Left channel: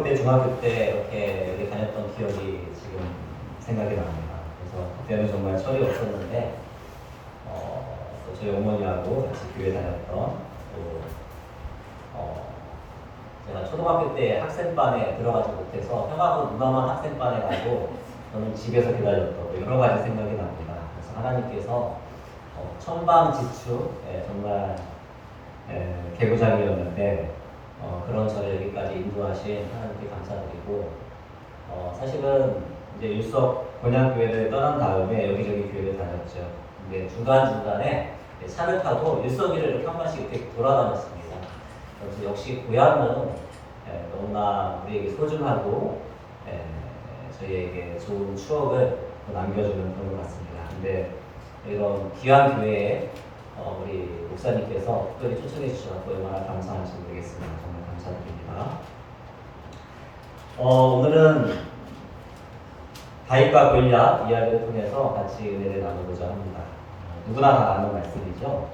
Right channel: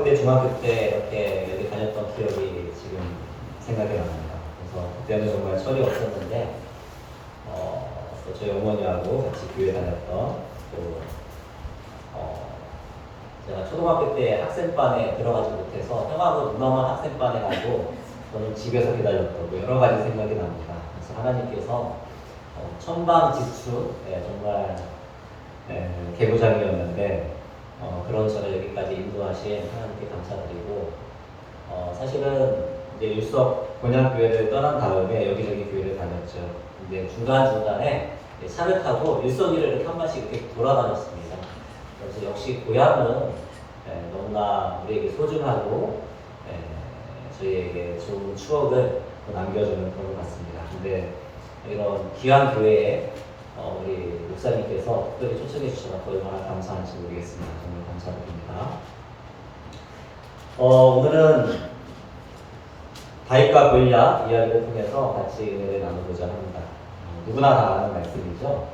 고등학교 때, 중학교 때 이렇게 여기 다녔던 기억이 지금 생각이 납니다. 그래서 그때는 정말 철이 없었는데 또 저희 어머니하고 같이 교회 다녔던 또 제가 초등학교 때 학생반에 들어가지 못해서 형하고 누나만 학생반에 가고 저는 집에서 기다렸던 여러 가지 생각이 납니다. 그래서 하나님께서 천방지축 정말 개구장이었는데 그런 저를 여기까지 인도하신 하나님께 감사드리고 사실은 이제 율석 본향교회를 떠난 다음에 여기저기 교회를 다녔죠. 근데 중간중간에 차를 타고 율석이를 이렇게 한 번씩 이렇게 돌아다녔습니다. 그래서 역시 고향은 너무나 우리에게 소중하고 저희에게 좋은 추억을 남겨주는 그런 것 같습니다. 근데 이런 귀한 교회에 우리 목사님께서 특별히 초청해 주셔서 얼마나 감사한지 모르겠습니다. 정말 감사드립니다. 오늘은 다윗과 골리앗 이야기를 통해서 같이 은혜를 나누고자 합니다. 누구나 다 아는 말씀이죠.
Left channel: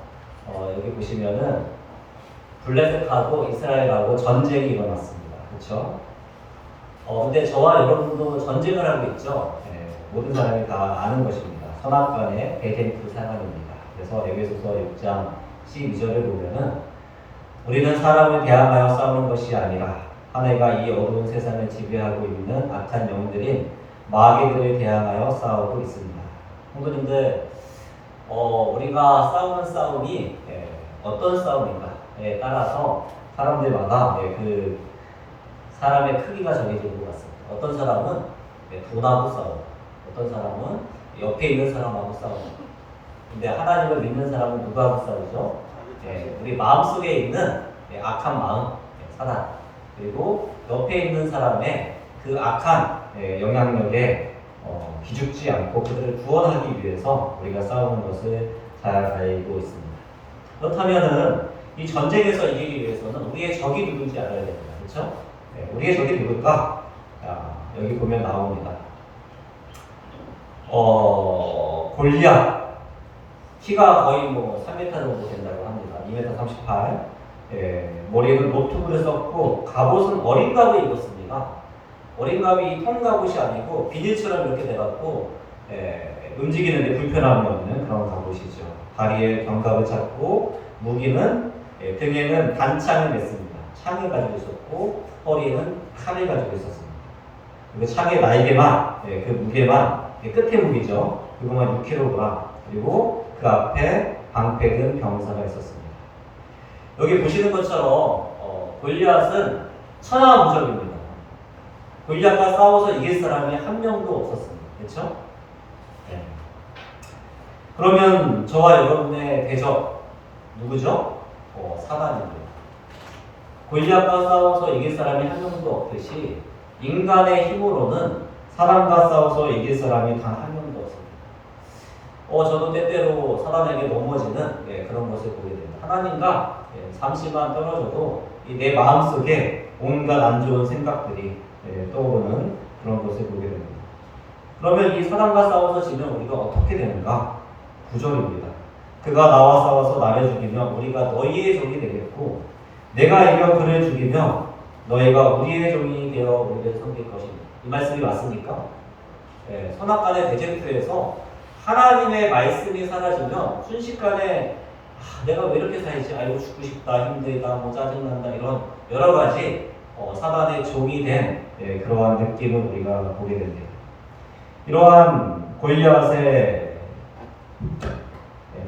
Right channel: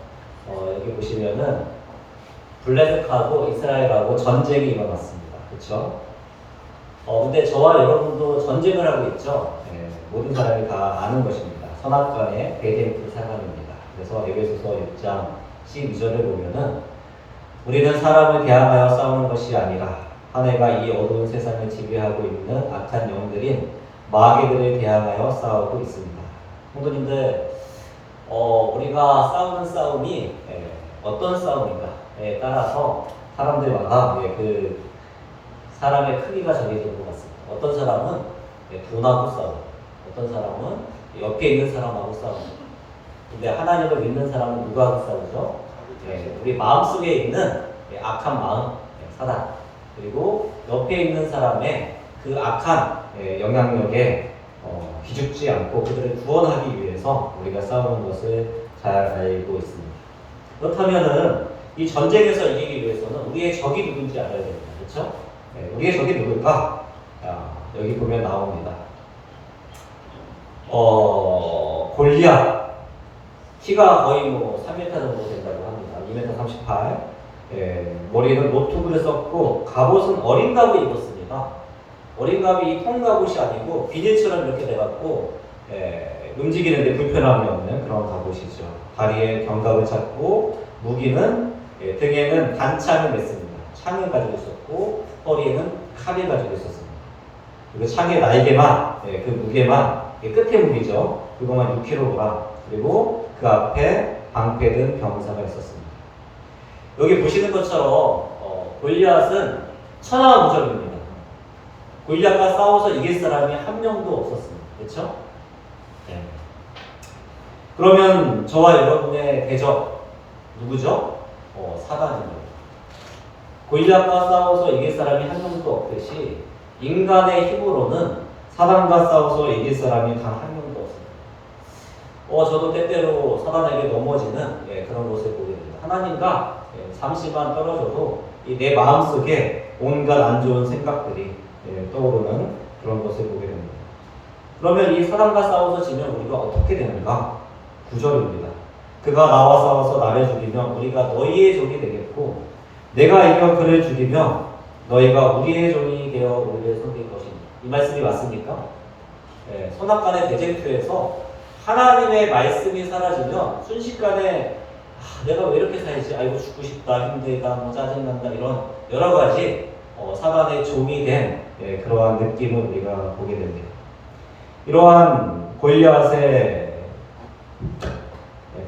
여기 보시면은 블레셋하고 이스라엘하고 전쟁이 일어났습니다. 그렇죠? 근데 저와 여러분도 전쟁을 하고 있죠. 모든 사람이 다 아는 것입니다. 선악간의 베데리프 사건입니다. 그래서 에베소서 6장 12절을 보면은 우리는 사람을 대항하여 싸우는 것이 아니라 한 해가 이 어두운 세상을 지배하고 있는 악한 영들인 마귀들을 대항하여 싸우고 있습니다. 성도님들, 우리가 싸우는 싸움이 어떤 싸움인가에 따라서 사람들마다 그 사람의 크기가 정해질 것 같습니다. 어떤 사람은 돈하고 싸우고, 어떤 사람은 옆에 있는 사람하고 싸웁니다. 근데 하나님을 믿는 사람은 누구하고 싸우죠? 우리 마음속에 있는 악한 마음, 사단, 그리고 옆에 있는 사람의 그 악한 영향력에 기죽지 않고 그들을 구원하기 위해서 우리가 싸우는 것을 잘 알고 있습니다. 그렇다면은 이 전쟁에서 이기기 위해서는 우리의 적이 누군지 알아야 됩니다. 그렇죠? 우리의 적이 누굴까? 자, 여기 보면 나옵니다. 골리앗 키가 거의 3m 정도 된다고 합니다. 2m 38. 머리에는 노트구를 썼고 갑옷은 어린 갑을 입었습니다. 어린 갑이 이 통갑옷이 아니고 비닐처럼 이렇게 돼갖고 움직이는데 불편함이 없는 그런 갑옷이죠. 다리에 견갑을 잡고 무기는 등에는 단창을 맸습니다. 창을 가지고 있었고 허리에는 칼을 가지고 있었습니다. 그리고 창의 날개만 그 무게만 끝에 무기죠. 그거만 6kg 그리고 그 앞에 방패든 병사가 있었습니다. 여기 보시는 것처럼 골리앗은 천하무적입니다. 골리앗과 싸워서 이길 사람이 한 명도 없었습니다. 그렇죠? 그러면 저와 여러분의 대적 누구죠? 사단입니다. 골리앗과 싸워서 이길 사람이 한 명도 없듯이 인간의 힘으로는 사단과 싸워서 이길 사람이 단 한 명도 없습니다. 저도 때때로 사단에게 넘어지는 그런 것을 보게 됩니다. 하나님과 잠시만 떨어져도 내 마음속에 온갖 안 좋은 생각들이 떠오르는 그런 것을 보게 됩니다. 그러면 이 사단과 싸워서 지면 우리가 어떻게 되는가? 9절입니다. 그가 나와 싸워서 나를 죽이면 우리가 너희의 종이 되겠고 내가 이겨 그를 죽이면 너희가 우리의 종이 되어 우리를 섬길 것이니. 이 말씀이 맞습니까? 선악간의 대쟁투에서 하나님의 말씀이 사라지면 순식간에 내가 왜 이렇게 살지? 아이고 죽고 싶다, 힘들다, 짜증난다 이런 여러 가지 사단의 종이 된 그러한 느낌을 우리가 보게 됩니다. 이러한 골리앗의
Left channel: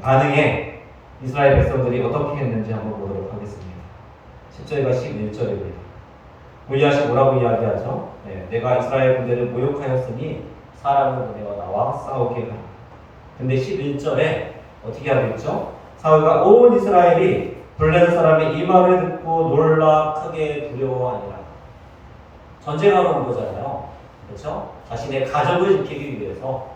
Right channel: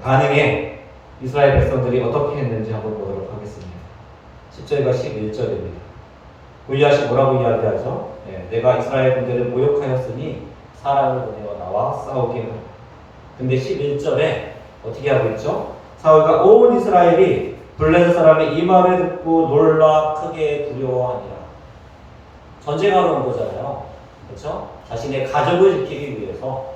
반응에 이스라엘 백성들이 어떻게 했는지 한번 보도록 하겠습니다. 10절과 11절입니다. 골리앗이 뭐라고 이야기하죠? 내가 이스라엘 군대를 모욕하였으니 사람을 보내어 나와 싸우게 하라. 근데 11절에 어떻게 하고 있죠? 사울과 온 이스라엘이 블레셋 사람이 이 말을 듣고 놀라 크게 두려워하니라. 전쟁하러 온 거잖아요. 그렇죠? 자신의 가족을 지키기 위해서,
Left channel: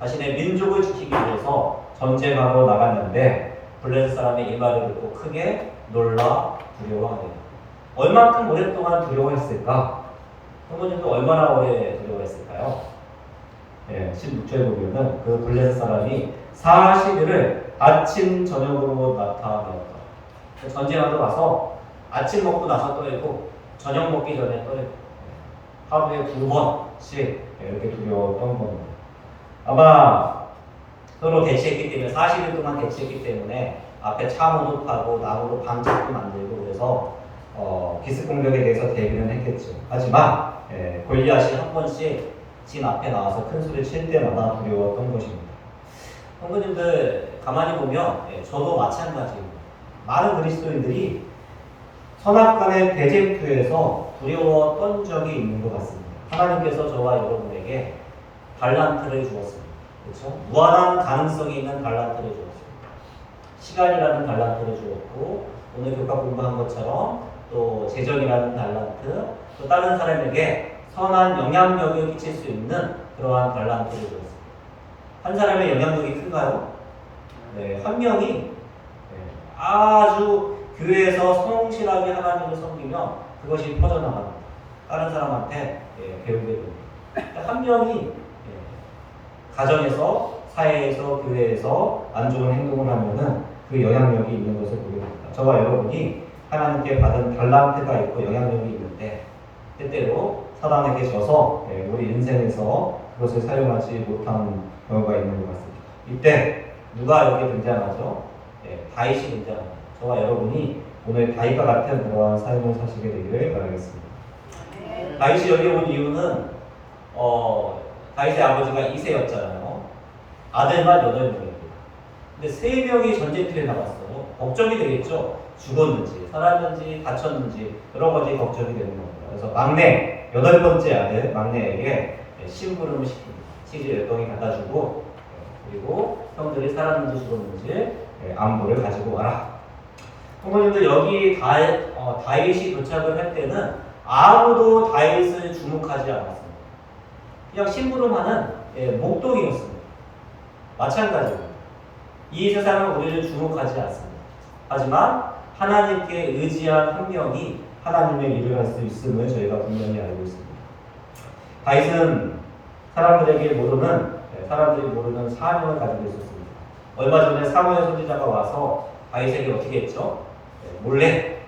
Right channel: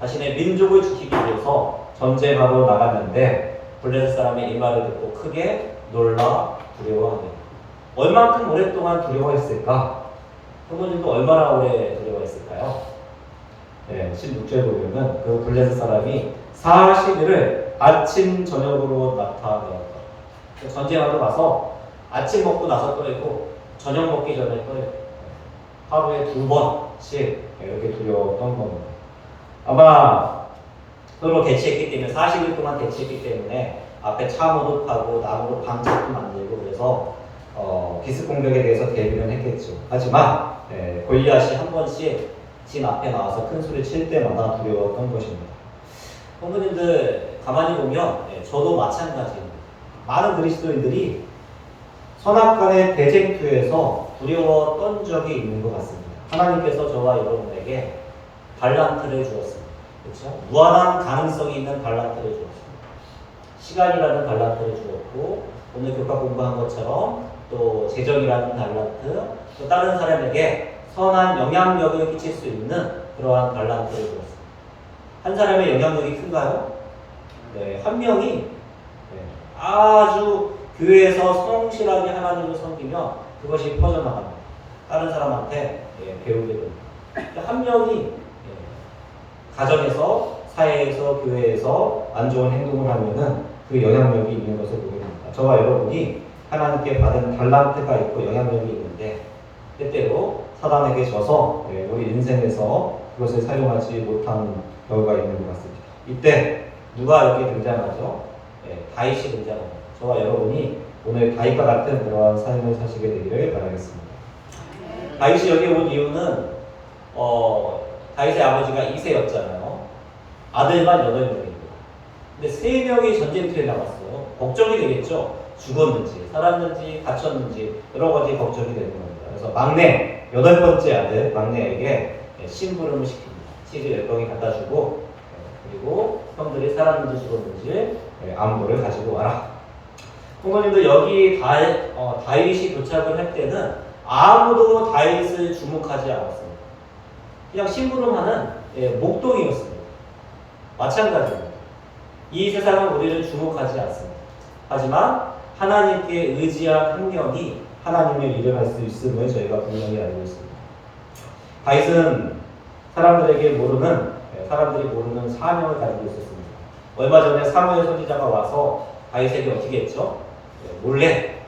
자신의 민족을 지키기 위해서 전쟁하러 나갔는데 블레셋 사람이 이 말을 듣고 크게 놀라 두려워하니라. 얼만큼 오랫동안 두려워했을까? 부모님도 얼마나 오래 두려워했을까요? 16절 보면은 그 블레셋 사람이 40일을 아침 저녁으로 나타내었다. 전쟁하고 나서 아침 먹고 나서 떠이고 저녁 먹기 전에 하루에 2번씩 이렇게 두려웠던 겁니다. 아마 서로 대치했기 때문에 40일 동안 대치했기 때문에 앞에 차 모독하고 나무로 방책도 만들고 그래서 기습 공격에 대해서 대비는 했겠죠. 하지만 골리앗이 한 번씩 진 앞에 나와서 큰 소리 칠 때마다 두려웠던 것입니다. 성도님들 가만히 보면 저도 마찬가지입니다. 많은 그리스도인들이 선악간의 배쟁투에서 두려웠던 적이 있는 것 같습니다. 하나님께서 저와 여러분에게 달란트를 주었습니다. 그렇죠? 무한한 가능성이 있는 달란트를 주었습니다. 시간이라는 달란트를 주었고 오늘 교과 공부한 것처럼 또 재정이라는 달란트, 또 다른 사람에게 선한 영향력을 끼칠 수 있는 그러한 달란트를 주었습니다. 한 사람의 영향력이 큰가요? 네, 한 명이 아주 교회에서 성실하게 하나님을 섬기면 그것이 퍼져나갑니다. 다른 사람한테 배우게 됩니다. 한 명이 가정에서, 사회에서, 교회에서 안 좋은 행동을 하면은 그 영향력이 있는 것을 보게 됩니다. 저와 여러분이 하나님께 받은 달란트가 있고 영향력이 있는데 때때로 사단에게 져서 우리 인생에서 그것을 사용하지 못한 경우가 있는 것 같습니다. 이때 누가 여기 등장하죠? 다윗이 등장합니다. 저와 여러분이 오늘 다윗과 같은 그러한 삶을 사시게 되기를 바라겠습니다. 다윗이 여기 온 이유는 다윗의 아버지가 이새였잖아요. 아들만 8명이고 근데 3명이 전쟁터에 나갔어요. 걱정이 되겠죠. 죽었는지 살았는지 갇혔는지 여러 가지 걱정이 되는 겁니다. 그래서 막내 8번째 아들 막내에게 심부름을 시킵니다. 치즈 10덩이 갖다 주고 그리고 형들이 살았는지 죽었는지 안부를 가지고 와라. 부모님들 여기 다윗이 도착을 할 때는 아무도 다윗을 주목하지 않았어요. 그냥 심부름하는 목동이었습니다. 마찬가지로 이 세상은 우리를 주목하지 않습니다. 하지만 하나님께 의지한 한 명이 하나님의 일을 할 수 있음을 저희가 분명히 알고 있습니다. 다윗은 사람들이 모르는 사명을 가지고 있었습니다. 얼마 전에 사무엘 선지자가 와서 다윗에게 어떻게 했죠? 몰래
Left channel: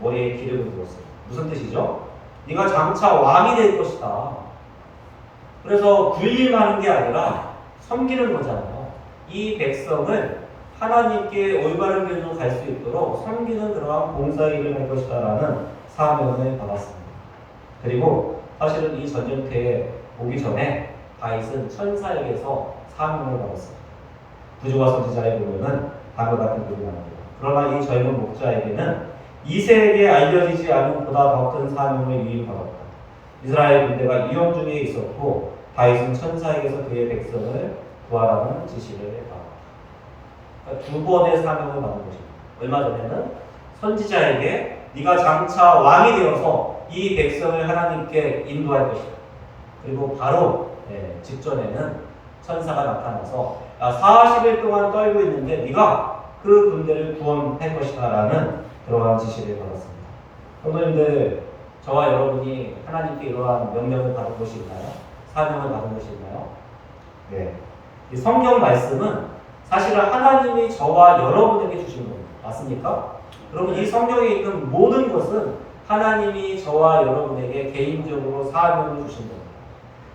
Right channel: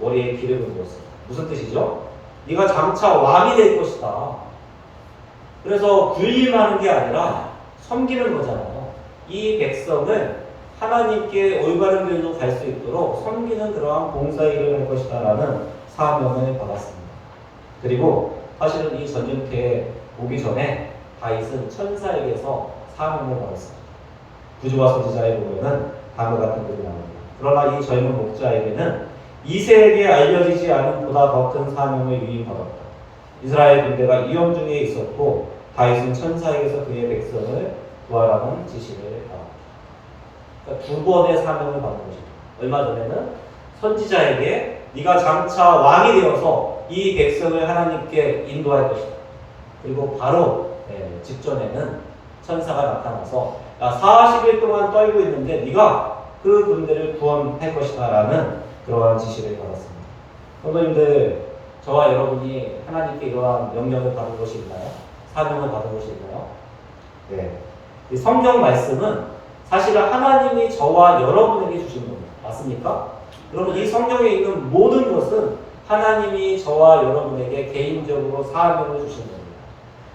머리에 기름을 부었습니다. 무슨 뜻이죠? 네가 장차 왕이 될 것이다. 그래서 군림하는 게 아니라 섬기는 거잖아요. 이 백성을 하나님께 올바른 길로 갈 수 있도록 섬기는 그러한 봉사일을 할 것이다 라는 사명을 받았습니다. 그리고 사실은 이 전쟁터에 오기 전에 다윗은 천사에게서 사명을 받았습니다. 구조와 선지자에 보면은 다음과 같은 글이 나옵니다. 그러나 이 젊은 목자에게는 이새에게 알려지지 않은 보다 더 큰 사명을 위임받았다. 이스라엘 군대가 위험 중에 있었고 다윗은 천사에게서 그의 백성을 구하라는 지시를 받았다. 그러니까 2번의 사명을 받은 것입니다. 얼마 전에는 선지자에게 네가 장차 왕이 되어서 이 백성을 하나님께 인도할 것이다. 그리고 바로 직전에는 천사가 나타나서 40일 동안 떨고 있는데 네가 그 군대를 구원할 것이다 라는 그러한 지시를 받았습니다. 성도님들 저와 여러분이 하나님께 이러한 명령을 받은 것이 있나요? 사명을 받은 것이 있나요? 네. 이 성경 말씀은 사실은 하나님이 저와 여러분에게 주신 겁니다. 맞습니까? 여러분 이 성경에 있는 모든 것은 하나님이 저와 여러분에게 개인적으로 사명을 주신 겁니다.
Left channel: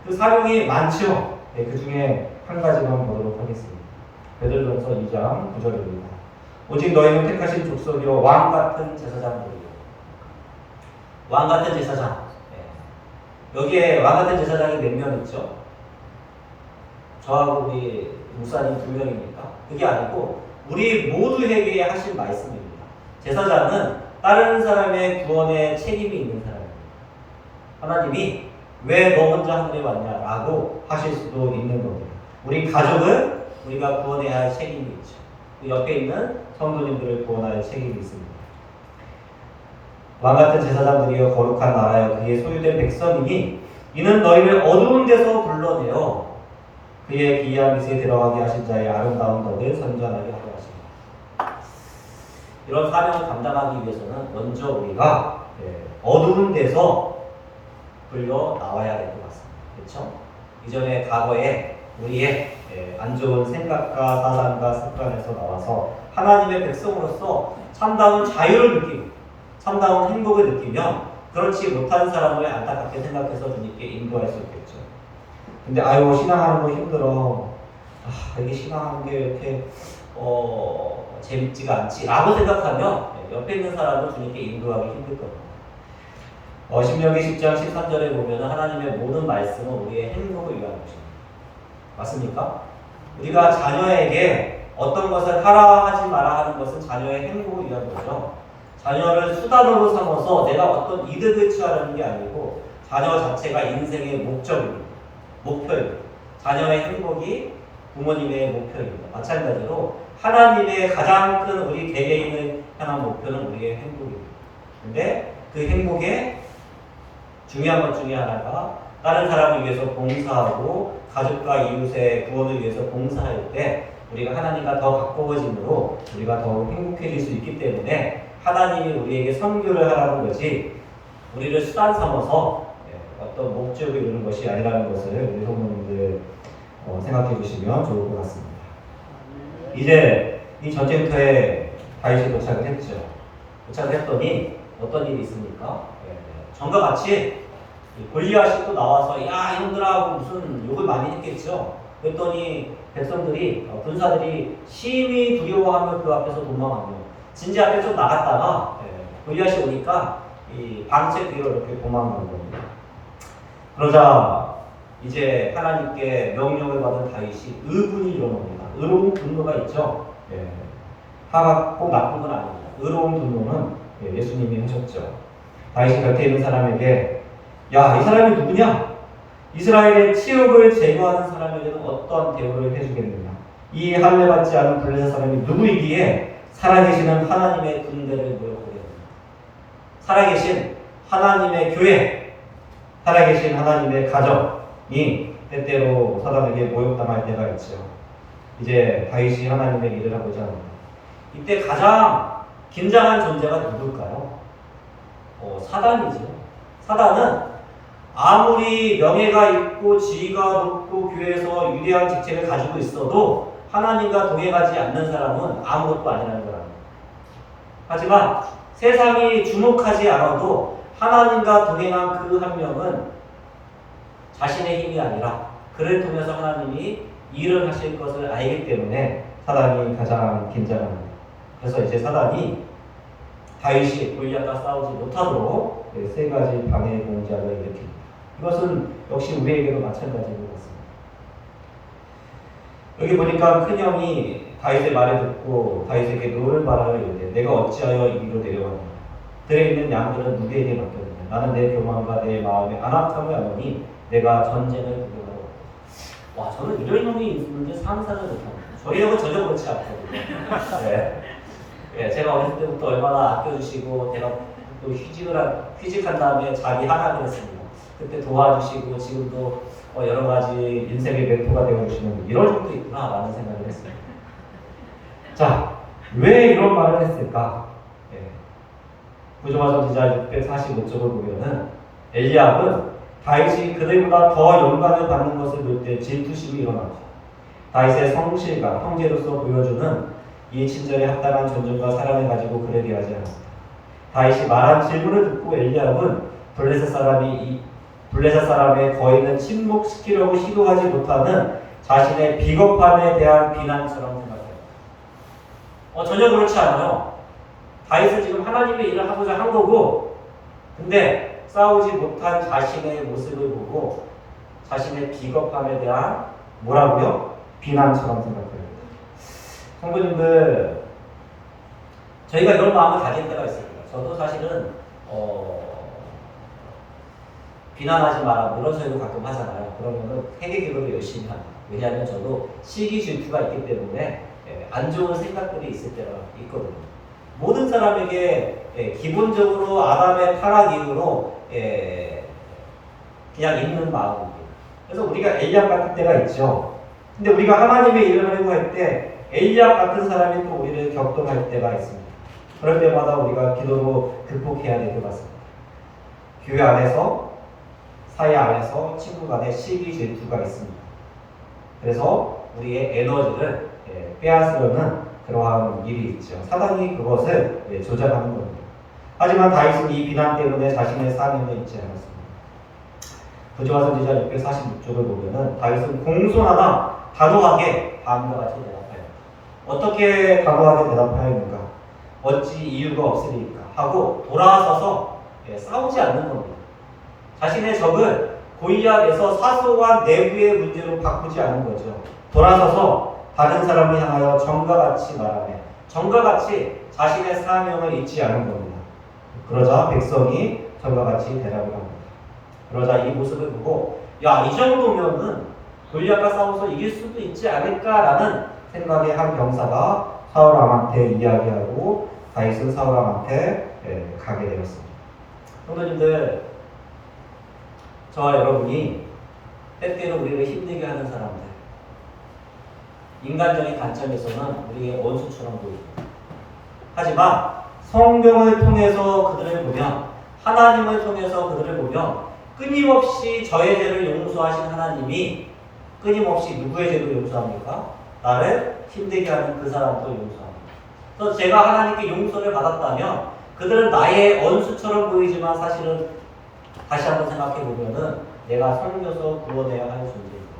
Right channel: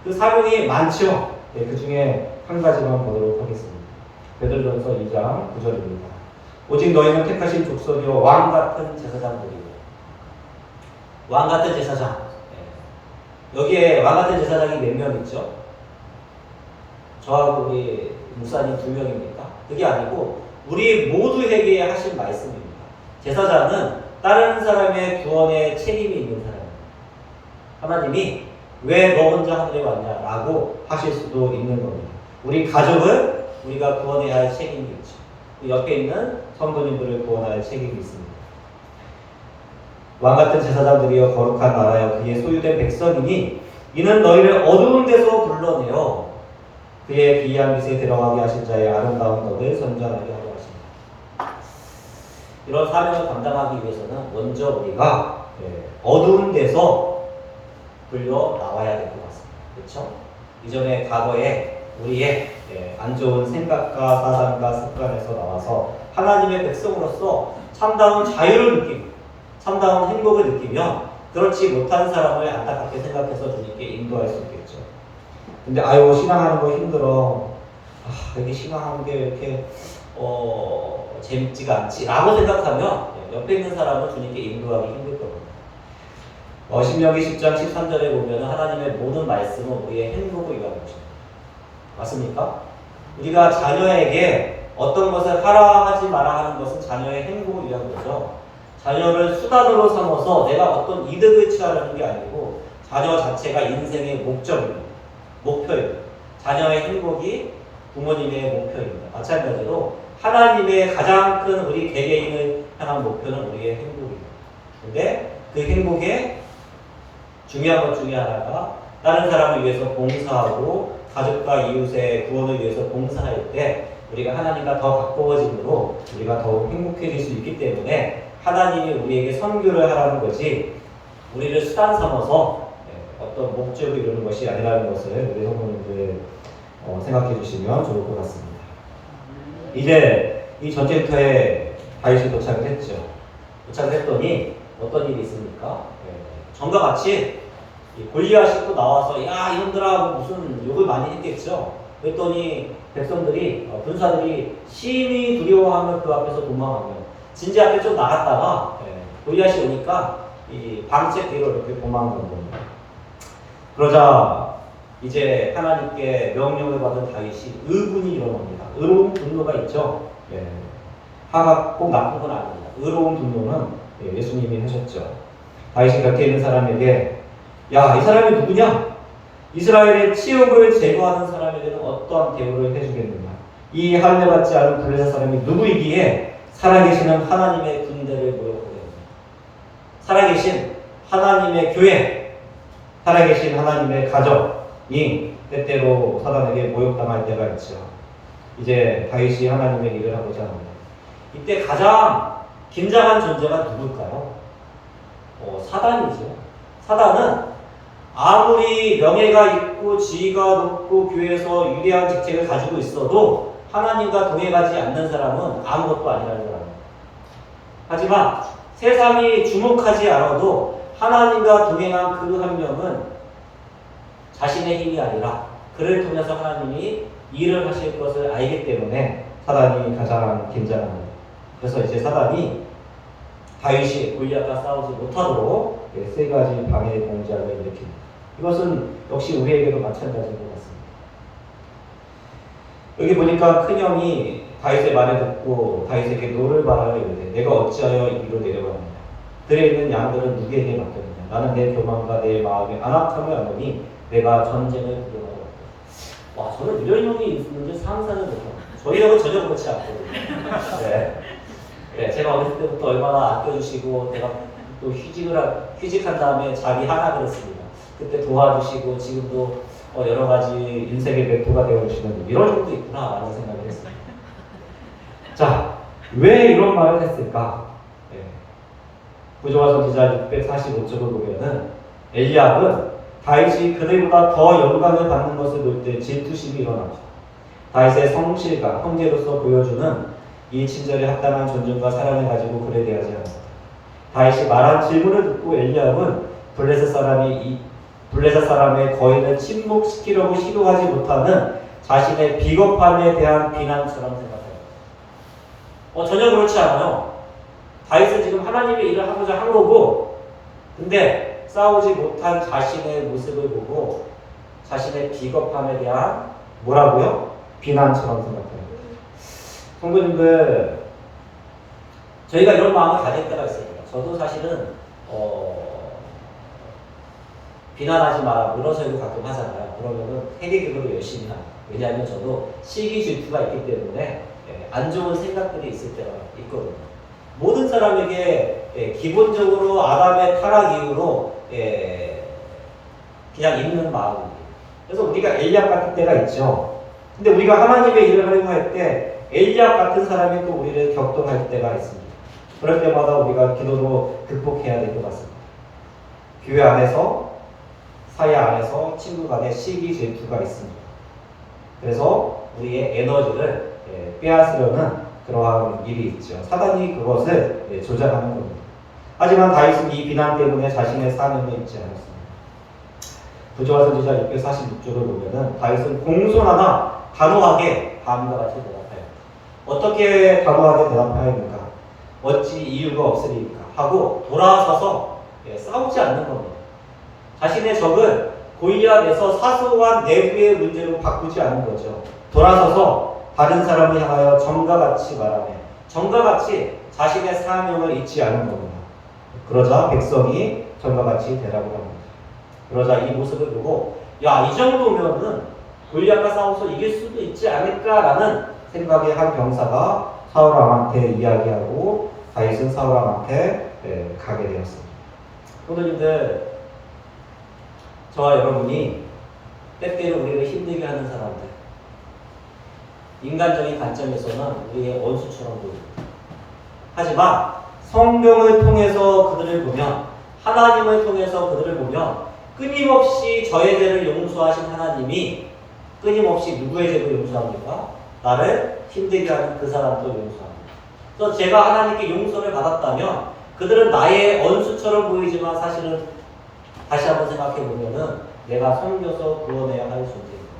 그 사명이 많죠. 네, 그 중에 한 가지만 보도록 하겠습니다. 베드로전서 2장 9절입니다. 오직 너희는 택하신 족속이요 왕 같은 제사장들이요. 왕 같은 제사장. 네. 여기에 왕 같은 제사장이 몇 명 있죠? 저하고 우리 목사님 2명입니까? 그게 아니고 우리 모두에게 하신 말씀입니다. 제사장은 다른 사람의 구원에 책임이 있는 사람입니다. 하나님이 왜 너 혼자 하늘에 왔냐라고 하실 수도 있는 겁니다. 우리 가족을 우리가 구원해야 할 책임이 있죠. 그 옆에 있는 성도님들을 구원할 책임이 있습니다. 왕같은 제사장들이여 거룩한 나라여 그의 소유된 백성이니 이는 너희를 어두운 데서 불러내어 그의 기이한 빛에 들어가게 하신 자의 아름다운 덕을 선전하게 하려 하십니다. 이런 사명을 감당하기 위해서는 먼저 우리가 어두운 데서 불려 나와야 될 것 같습니다. 그렇죠? 이전에 과거에 우리의 안 좋은 생각과 사상과 습관에서 나와서 하나님의 백성으로서 참다운 자유를 느끼고 참다운 행복을 느끼면 그렇지 못한 사람을 안타깝게 생각해서 주님께 인도할 수 있겠죠. 근데 아유 신앙하는 거 힘들어. 이게 신앙하는 게 이렇게 재밌지가 않지 라고 생각하면 옆에 있는 사람은 주님께 인도하기 힘들 겁니다. 신명기 10장 13절에 보면 하나님의 모든 말씀은 우리의 행복을 위한 것입니다. 맞습니까? 우리가 자녀에게 어떤 것을 하라 하지 마라 하는 것은 자녀의 행복을 위한 거죠. 자녀를 수단으로 삼아서 내가 어떤 이득을 취하려는 게 아니고 자녀 자체가 인생의 목적입니다. 목표입니다. 자녀의 행복이 부모님의 목표입니다. 마찬가지로 하나님의 가장 큰 우리 개개인을 향한 목표는 우리의 행복입니다. 근데 그 행복에 중요한 것 중에 하나가 다른 사람을 위해서 봉사하고 가족과 이웃의 구원을 위해서 봉사할 때 우리가 하나님과 더 가까워짐으로 우리가 더욱 행복해질 수 있기 때문에 하나님이 우리에게 선교를 하라는 거지 우리를 수단 삼아서 어떤 목적을 이루는 것이 아니라는 것을 우리 성도님들 생각해 주시면 좋을 것 같습니다. 이제 이 전쟁터에 다윗이 도착을 했죠. 도착을 했더니 어떤 일이 있습니까? 전과 같이 골리앗이 또 나와서 야 이놈들아 무슨 욕을 많이 했겠죠. 그랬더니 백성들이 군사들이 심히 두려워하며 그 앞에서 도망하며 진지 앞에 좀 나갔다가 골리앗이 오니까 이 방책 뒤로 이렇게 도망간 겁니다. 그러자 이제 하나님께 명령을 받은 다윗이 의분이 일어납니다. 의로운 분노가 있죠. 화가 꼭 나쁜 건 아닙니다. 의로운 분노는 예수님이 하셨죠. 다윗이 곁에 있는 사람에게 야, 이 사람이 누구냐? 이스라엘의 치욕을 제거하는 사람에게는 어떠한 대우를 해주겠느냐? 이 할례 받지 않은 블레셋 사람이 누구이기에 살아계시는 하나님의 군대를 모욕하겠느냐? 살아계신 하나님의 교회, 살아계신 하나님의 가정이 때때로 사단에게 모욕당할 때가 있죠. 이제 다윗이 하나님의 일을 하고자 합니다. 이때 가장 긴장한 존재가 누굴까요? 사단이죠. 사단은 아무리 명예가 있고 지위가 높고 교회에서 위대한 직책을 가지고 있어도 하나님과 동행하지 않는 사람은 아무것도 아니라는 거랍니다. 하지만 세상이 주목하지 않아도 하나님과 동행한 그 한 명은 자신의 힘이 아니라 그를 통해서 하나님이 일을 하실 것을 알기 때문에 사단이 가장 긴장합니다. 그래서 이제 사단이 다윗이 골리앗과 싸우지 못하도록 세 가지 방해 공작을 일으킵니다. 이것은 역시 우리에게도 마찬가지인 것 같습니다. 여기 보니까 큰형이 다윗의 말을 듣고 다윗에게 노를 말하려 이르되 내가 어찌하여 이리로 내려왔느냐? 들에 있는 양들은 누구에게 맡겼느냐? 나는 내 교만과 내 마음의 안악함을 알노니 내가 전쟁을 두려워하였다. 와, 저는 이런 형이 있는데 상상을 못합니다. 저희 형은 전혀 그렇지 않거든요. 제가 어렸을 때부터 얼마나 아껴주시고 내가 또 휴직한 다음에 자리 하나 그랬습니다. 그때 도와주시고 지금도 여러 가지 인생의 멘토가 되어주시는 이런 분도 있구나라는 생각을 했습니다. 자, 왜 이런 말을 했을까? 구조화 선지자 645쪽을 보면은 엘리압은 다윗이 그들보다 더 영광을 받는 것을 볼 때 질투심이 일어나죠. 다윗의 성실과 형제로서 보여주는 이 친절에 합당한 존중과 사랑을 가지고 그에 대하지 않았다. 다윗이 말한 질문을 듣고 엘리압은 블레셋 사람의 거인을 침묵시키려고 시도하지 못하는 자신의 비겁함에 대한 비난처럼 생각합니다. 전혀 그렇지 않아요. 다윗은 지금 하나님의 일을 하고자 한 거고, 근데 싸우지 못한 자신의 모습을 보고 자신의 비겁함에 대한 뭐라고요? 비난처럼 생각합니다. 성도님들, 저희가 이런 마음을 가질 때가 있습니다. 저도 사실은 비난하지 마라, 물러서기도 가끔 하잖아요. 그러면은 회개 기도를 열심히 합니다. 왜냐하면 저도 시기 질투가 있기 때문에 안 좋은 생각들이 있을 때가 있거든요. 모든 사람에게 기본적으로 아담의 타락 이후로 그냥 있는 마음입니다. 그래서 우리가 엘리압 같은 때가 있죠. 근데 우리가 하나님의 일을 하려고 할 때 엘리압 같은 사람이 또 우리를 격동할 때가 있습니다. 그럴 때마다 우리가 기도로 극복해야 될 것 같습니다. 교회 안에서, 사회 안에서, 친구 간에 시기 질투가 있습니다. 그래서 우리의 에너지를 빼앗으려는 그러한 일이 있죠. 사단이 그것을 조작하는 겁니다. 하지만 다윗은 이 비난 때문에 자신의 사명을 잊지 않았습니다. 구조와 선지자 646조를 보면은 다윗은 공손하나 단호하게 다음과 같이 대답해요. 어떻게 단호하게 대답하였는가? 어찌 이유가 없으리까? 하고 돌아서서 싸우지 않는 겁니다. 자신의 적을 골리앗에서 사소한 내부의 문제로 바꾸지 않은 거죠. 돌아서서 다른 사람을 향하여 전과 같이 말하며 전과 같이 자신의 사명을 잊지 않은 겁니다. 그러자 백성이 전과 같이 대답을 합니다. 그러자 이 모습을 보고 야, 이 정도면은 골리앗과 싸워서 이길 수도 있지 않을까라는 생각의 한 병사가 사울 왕한테 이야기하고 다윗은 사울 왕한테 가게 되었습니다. 성도님들, 저와 여러분이 때때로 우리를 힘들게 하는 사람들, 인간적인 관점에서는 우리의 원수처럼 보입니다. 하지만 성경을 통해서 그들을 보면, 하나님을 통해서 그들을 보면 끊임없이 저의 죄를 용서하신 하나님이 끊임없이 누구의 죄를 용서합니까? 나를 힘들게 하는 그 사람도 용서합니다. 그래서 제가 하나님께 용서를 받았다면 그들은 나의 원수처럼 보이지만 사실은 다시 한번 생각해 보면은 내가 섬겨서 구원해야 할 존재입니다.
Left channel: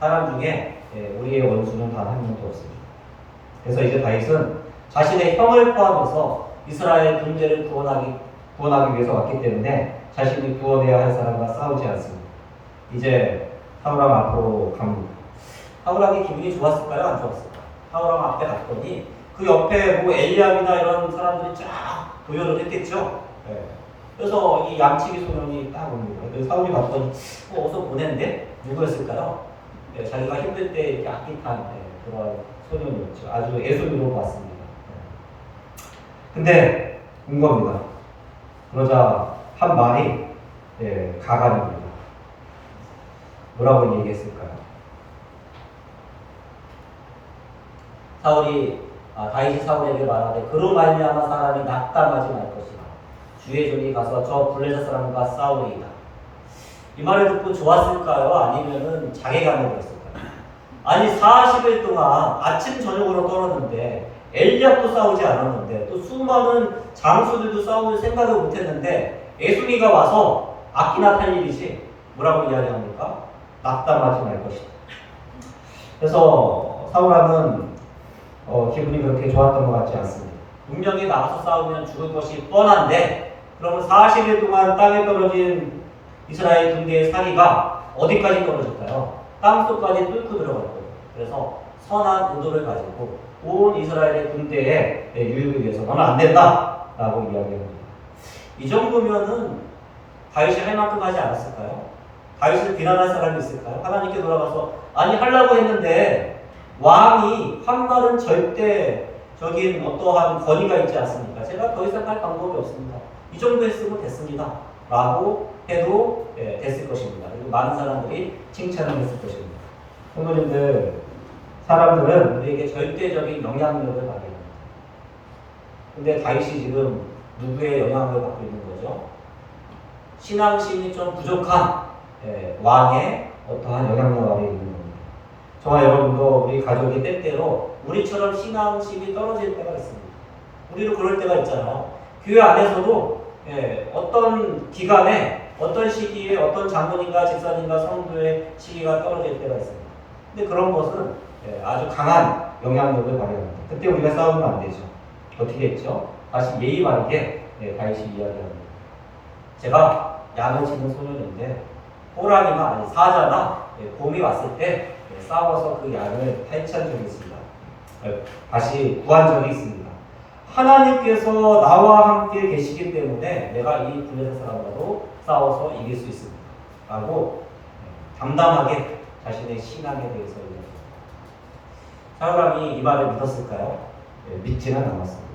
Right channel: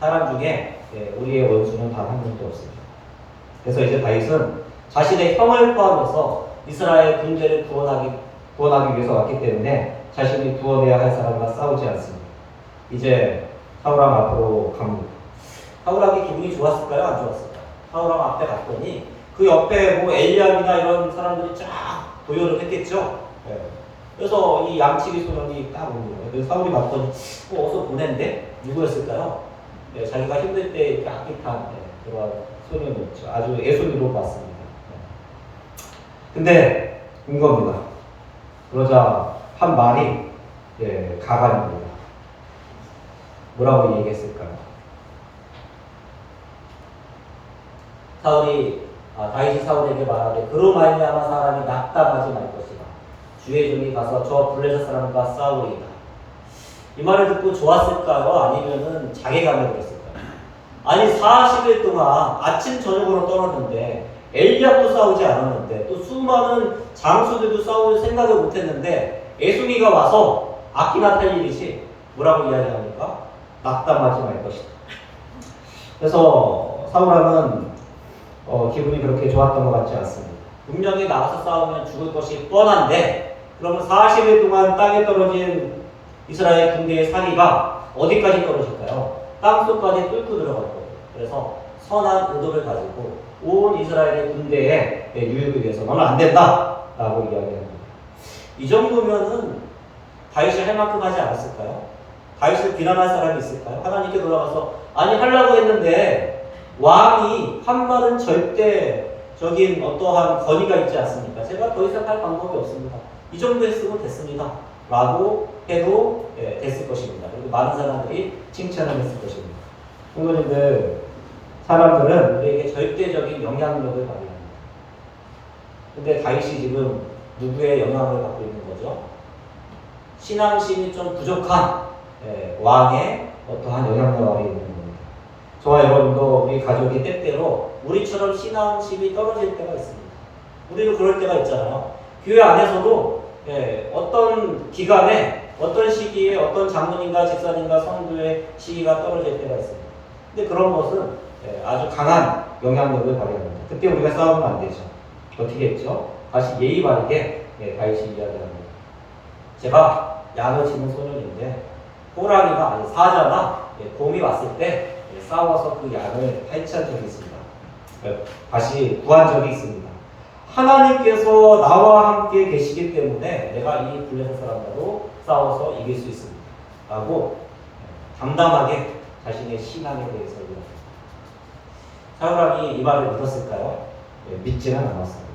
사람 중에 우리의 원수는 단 한 명도 없습니다. 그래서 이제 다윗은 자신의 형을 포함해서 이스라엘 군대를 구원하기 위해서 왔기 때문에 자신이 구원해야 할 사람과 싸우지 않습니다. 이제 사울왕 앞으로 갑니다. 사울왕이 기분이 좋았을까요? 안 좋았을까요? 사울왕 앞에 갔더니 그 옆에 뭐 엘리압이나 이런 사람들이 쫙 도열을 했겠죠. 그래서 이 양치기 소년이 딱 옵니다. 그래서 사울이 봤더니 어서 보낸데 누구였을까요? 자기가 힘들 때 이렇게 아끼탄 그런 소년이었죠. 아주 애송이로 봤습니다. 근데 이겁니다. 그러자 한 말이 가관입니다. 뭐라고 얘기했을까요? 다윗이 사울에게 말하되 그로 말미암아 사람이 낙담하지 말 것이다. 주의 종이 가서 저 블레셋 사람과 싸우리이다. 이 말을 듣고 좋았을까요? 아니면은 자괴감을 했을까요? 아니 40일 동안 아침 저녁으로 떨었는데 엘리압도 싸우지 않았는데 또 수많은 장수들도 싸울 생각을 못했는데 애송이가 와서 악기나 탈 일이지 뭐라고 이야기합니까? 낙담하지 말 것이다. 그래서 사울왕은 기분이 그렇게 좋았던 것 같지 않습니다. 분명히 나가서 싸우면 죽을 것이 뻔한데 그러면 40일 동안 땅에 떨어진 이스라엘 군대의 사기가 어디까지 떨어질까요? 땅속까지 뚫고 들어갈 거예요. 그래서 선한 의도를 가지고 온 이스라엘의 군대의 유익을 위해서 너는 안 된다 라고 이야기합니다. 이 정도면은 다윗이 할 만큼 하지 않았을까요? 다윗을 비난할 사람이 있을까요? 하나님께 돌아가서 아니 하려고 했는데 왕이 한 말은 절대적인 어떠한 권위가 있지 않습니까? 제가 더 이상 할 방법이 없습니다. 이 정도 했으면 됐습니다 라고 해도 됐을 것입니다. 그리고 많은 사람들이 칭찬을 했을 것입니다. 부모님들, 사람들은 우리에게 절대적인 영향력을 발휘합니다. 근데 다윗이 지금 누구의 영향을 받고 있는 거죠? 신앙심이 좀 부족한 왕의 어떠한 영향력 아래에 있는 겁니다. 저와 여러분도 우리 가족이 때때로 우리처럼 신앙심이 떨어질 때가 있습니다. 우리도 그럴 때가 있잖아요. 교회 안에서도 어떤 기간에 어떤 시기에 어떤 장로님과 집사님과 성도의 시기가 떨어질 때가 있습니다. 근데 그런 것은 아주 강한 영향력을 발휘합니다. 그때 우리가 싸우면 안 되죠. 어떻게 했죠? 다시 예의 바르게 다윗이 이야기합니다. 제가 양을 치는 소년인데 호랑이나 아니 사자나 곰이 왔을 때 싸워서 그 양을 해치한 적이 있습니다. 다시 구한 적이 있습니다. 하나님께서 나와 함께 계시기 때문에 내가 이 블레셋 사람과도 싸워서 이길 수 있습니다. 라고 담담하게 자신의 신앙에 대해서 이야기합니다. 사울왕이 이 말을 믿었을까요? 믿지는 않았습니다.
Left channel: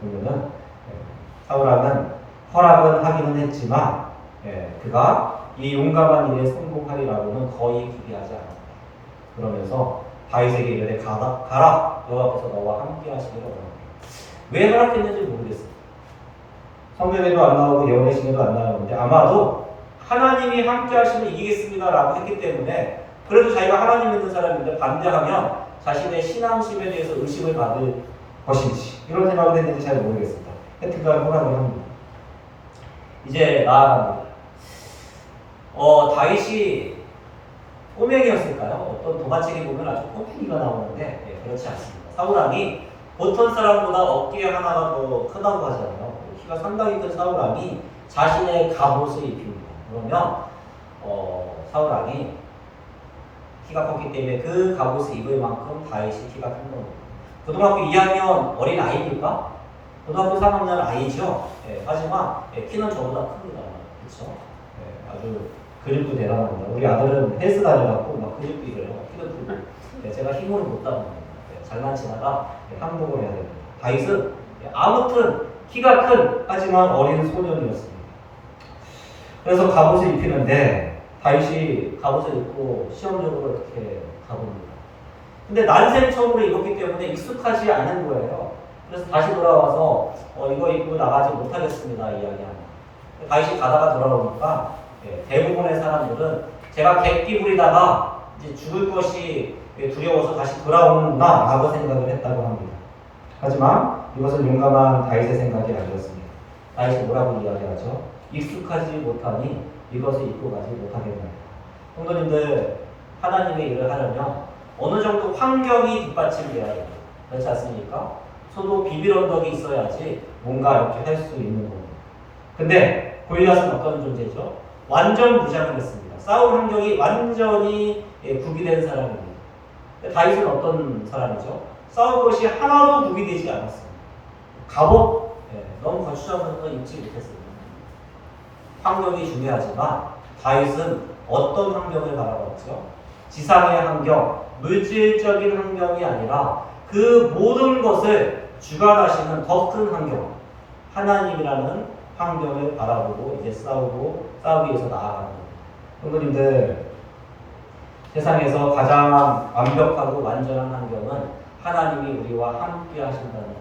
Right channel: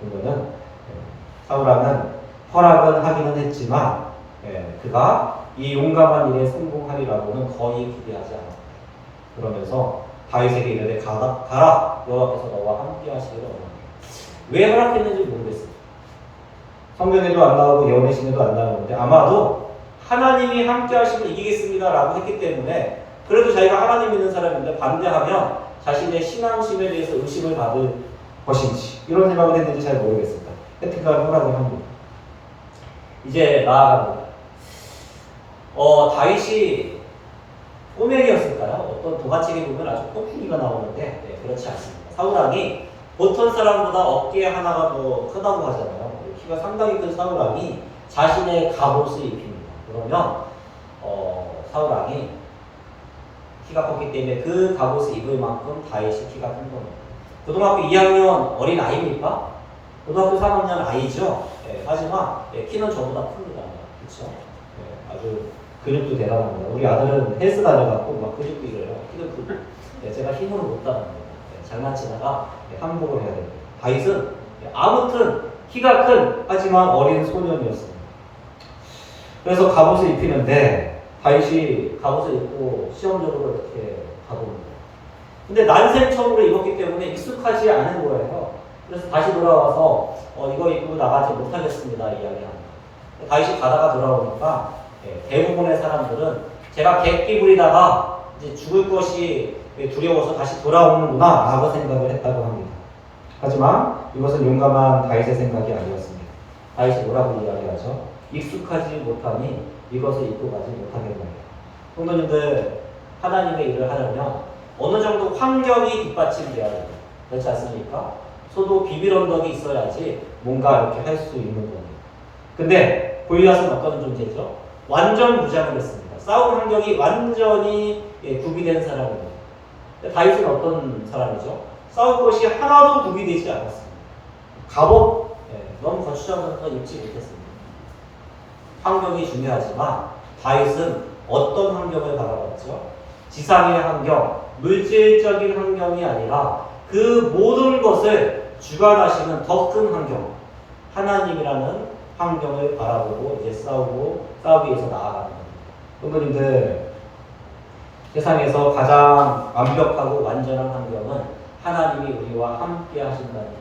그러면은 사울왕은 허락은 하기는 했지만 그가 이 용감한 일에 성공하리라고는 거의 기대하지 않았습니다. 그러면서 다윗에게 이르되 가라 여호와께서 너와 함께 하시기를 원하노라. 왜 허락했는지 모르겠습니다. 성경에도 안 나오고 예언의 신에도 안 나오는데 아마도 하나님이 함께 하시면 이기겠습니다 라고 했기 때문에 그래도 자기가 하나님 믿는 사람인데 반대하면 자신의 신앙심에 대해서 의심을 받을 것인지 이런 생각을 했는지 잘 모르겠습니다. 하여튼 그가 허락을 합니다. 이제 나아갑니다. 다윗이 꼬맹이였을까요? 어떤 동화책에 보면 아주 꼬맹이가 나오는데 그렇지 않습니다. 사울왕이 보통 사람보다 어깨 하나가 더 크다고 하잖아요. 키가 상당히 큰 사울왕이 자신의 갑옷을 입힙니다. 그러면 사울왕이 키가 컸기 때문에 그 갑옷을 입을 만큼 다윗이 키가 큰 겁니다. 고등학교 2학년 어린 아이입니까? 고등학교 3학년 아이죠. 하지만 키는 저보다 큽니다. 그렇죠? 아주 근육도 대단합니다. 우리 아들은 헬스 다녀갖고 막 근육도 이래요. 키도 크고. 제가 힘으로 못 따는 거예요. 장난치다가 항복을 해야 됩니다. 다윗은 아무튼 키가 큰 하지만 어린 소년이었습니다. 그래서 갑옷을 입히는데 다윗이 갑옷을 입고 시험적으로 이렇게 가봅니다. 근데 난생 처음으로 입었기 때문에 익숙하지 않은 거예요. 그래서 다시 돌아와서 이거 입고 나가지 못하겠습니다 이야기합니다. 다윗이 가다가 돌아오니까 대부분의 사람들은 제가 객기 부리다가 이제 죽을 것이 두려워서 다시 돌아오는구나 라고 생각을 했다고 합니다. 하지만 이것은 용감한 다윗의 생각이 아니었습니다. 다윗이 뭐라고 이야기하죠? 익숙하지 못하니 이것을 입고 가지 못하겠습니다. 성도님들, 하나님의 일을 하려면 어느 정도 환경이 뒷받침돼야 돼요. 그렇지 않습니까? 소도 비빌 언덕이 있어야지 뭔가 이렇게 할 수 있는 겁니다. 근데 골리앗은 어떤 존재죠? 완전 무장을 했습니다. 싸움 환경이 완전히 구비된 사람입니다. 다윗은 어떤 사람이죠? 싸울 것이 하나도 구비되지 않았습니다. 갑옷 너무 거추장스러운 건 입지 못했습니다. 환경이 중요하지만 다윗은 어떤 환경을 바라봤죠? 지상의 환경, 물질적인 환경이 아니라 그 모든 것을 주관하시는 더 큰 환경, 하나님이라는 환경을 바라보고 이제 싸우기 위해서 나아가는 겁니다. 성도님들, 세상에서 가장 완벽하고 완전한 환경은 하나님이 우리와 함께 하신다는 겁니다.